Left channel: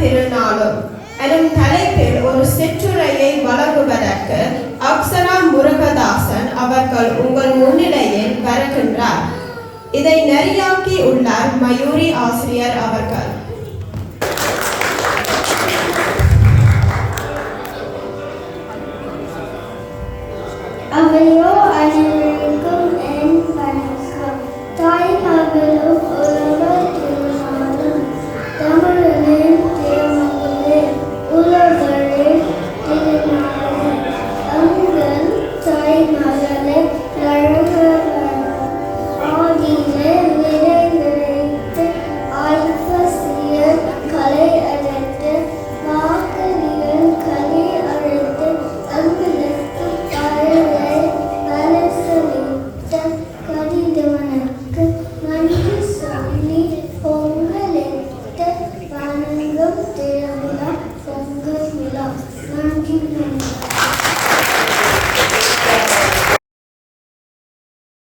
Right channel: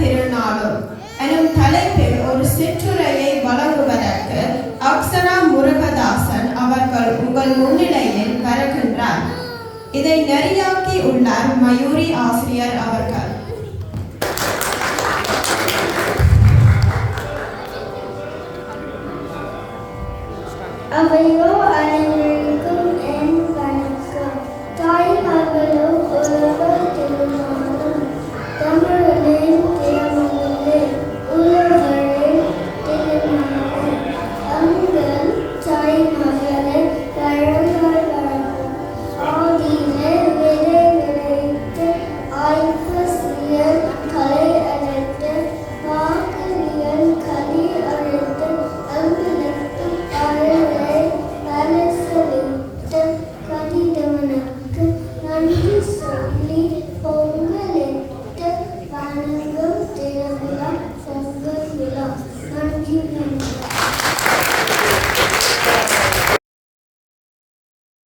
திருநாளும் எனும் தலைப்பில் ஒரு சிற்றுரையை வழங்குவதற்கு அக்ஷரா முருகதாசன் அவர்கள் உங்கள் முன்னிலையில் வருகின்றார். இதை நெறியாக்கி உள்ளார் மயூரி ஆசிரியர் அவர்கள்.